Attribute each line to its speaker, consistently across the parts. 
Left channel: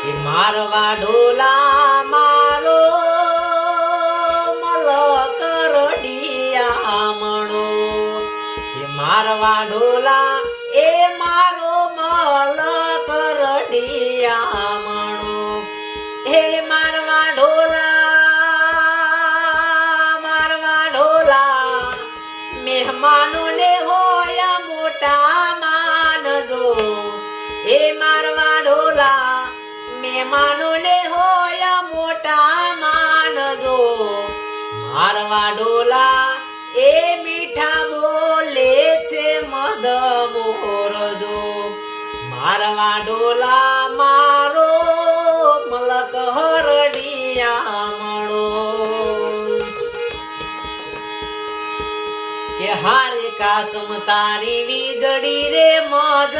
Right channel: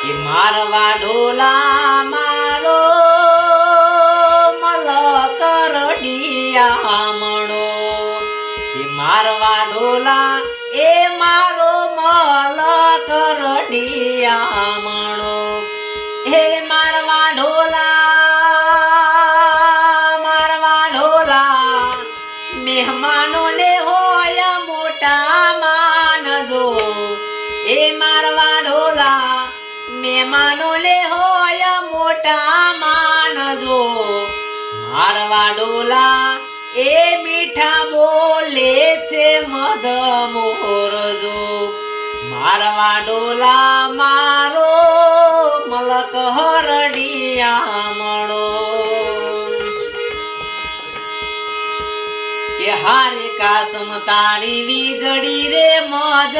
Speaker 1: કે મારવા ઢોલા મારો મલક રડિયામણો કે મારવા ઢોલા એ મારો મલક રડિયામણો હે મારવા ઢોલા મારવા ઢોલા મહેમાનોને હોય મોટા માનજો. એ મારવા ઢોલા મારવા ડોલા, એ મીઠા બોલે છે મધ મોરજો મારવા ડોલા, મારો મલક હરડિયા મળો કે હારે કાસમ તારી વીજળી રે મોજ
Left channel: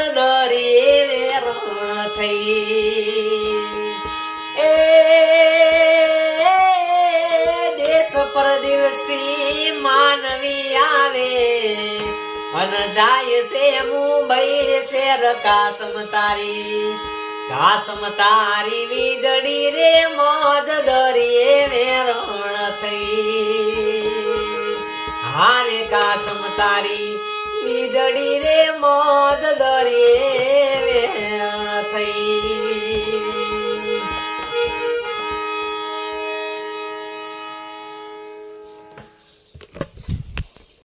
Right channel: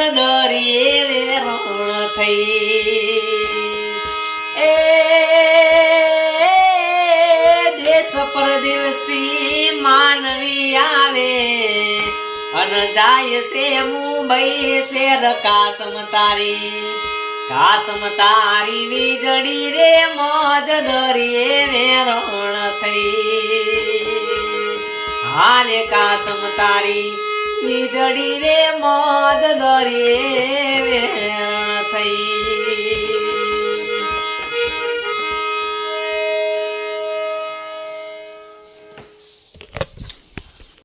Speaker 1: અન જાય છે મુંબઈ શેર કાસમ તારી. કાસમ તારી વીજળી રે મોજ દરિયે વેરણ થઈ. હારે કાસમ તારી વીજળી રે દરિયે